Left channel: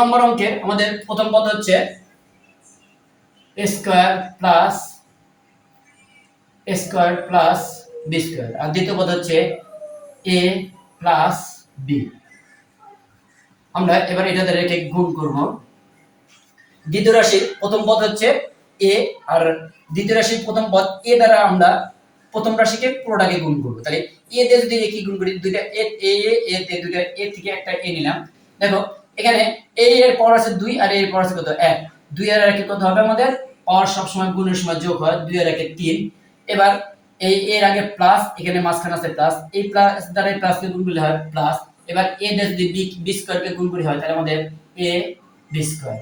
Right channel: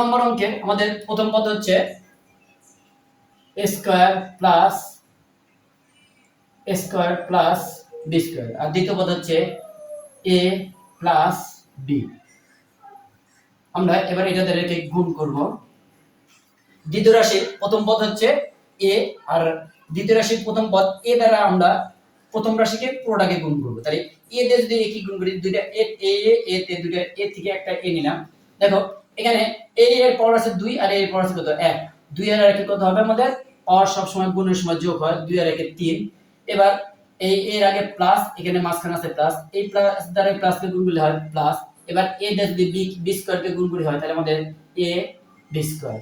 নম্বর অঙ্কে আমাদের প্রথম পদ হচ্ছে a square plus b square, আর দ্বিতীয় পদ হচ্ছে a প্লাস b। আমরা এবার এটাতে রেখে গুণ করব। দ্বিতীয় রাশির প্রথম পদ হচ্ছে a, আর দ্বিতীয় রাশির প্রথম পদ a দ্বারা আমরা প্রথম রাশিকে পুরোটাকে গুণ করব। তাহলে a দিয়ে যদি a কি গুণ করি, দুইটা a তে দুইটা a থেকে একটা a নিলাম। দেখো এখানে a এর পাওয়ার আছে 2 আর a এর পাওয়ার আছে কত 1। 2 আর 1 কত হবে, আমাদের পাওয়ার সব সময় গুণের সময় যোগ হয়, 2 আর 1 3। এবার এই এর আগে প্লাস, এখানে মাঝখানে আছে প্লাস, এই প্লাস দ্বারা প্লাসকে গুণ করলে হয় প্লাস। এবার a দিয়ে যদি b স্কয়ার কে গুণ করি হয়, তাহলে আমাদের a b স্কয়ার।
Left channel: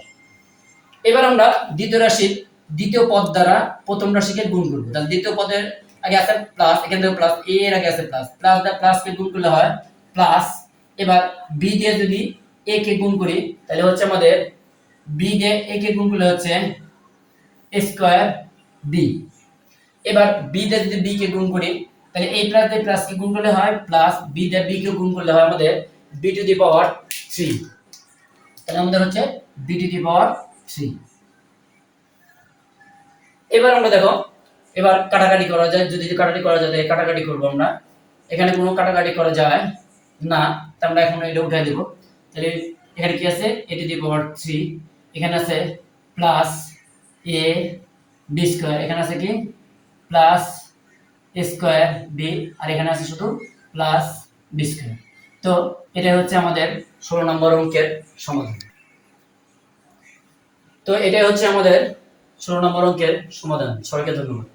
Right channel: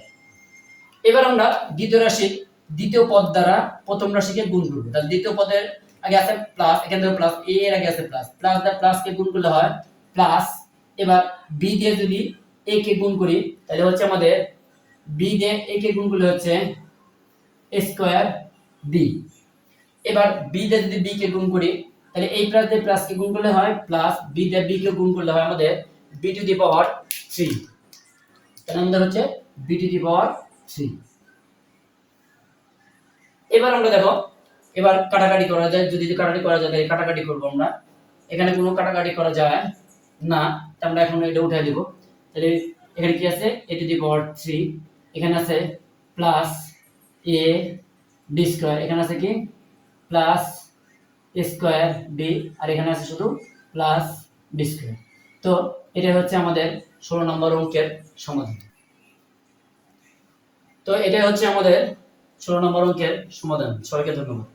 এবার আমরা দ্বিতীয় রাশির দ্বিতীয় পদ দ্বারা প্রথম রাশিকে গুণ করব। তাহলে দ্বিতীয় পদের আগে আছে প্লাস, এখান থেকে প্লাস, a এর আগে আছে প্লাস, প্লাস দ্বারা প্লাসকে গুণ করলে হয় প্লাস। এবার b দিয়ে যদি a কে গুণ করি, তাহলে হচ্ছে আমাদের b দিয়ে a কে গুণ করলে হচ্ছে a স্কয়ার b। এবার b দিয়ে যদি b কে গুণ করি, তাহলে এই প্লাস দিয়ে প্লাস কে গুণ করলে হয় প্লাস, b দিয়ে b কে গুণ করলে হয় আমাদের b টু দি পাওয়ার 3। তাহলে আমাদের হচ্ছে b টু দি পাওয়ার 3। এবার আমরা দেখো, এবার কাটাকাটি করা যায়, যদি কাটাকাটি করা যায় তাহলে কাটাকাটি করব আমরা। এখানে কোনো কাটাকাটি করা যায় না, তাই আমরা এখন এটা উঠাই দেব। তাহলে এখানে কি আছে a টু দি পাওয়ার 3, এখানে আছে প্লাস a b স্কয়ার, এখানে আছে কি প্লাস a স্কয়ার b, আর এখানে আছে শুধু প্লাস b স্কয়ার। তো এটা হচ্ছে আমাদের 16 নম্বর অঙ্কের সমাধান। তো এটা হচ্ছে আমাদের 16 নম্বর অঙ্কের সমাধান। সবাইকে ধন্যবাদ।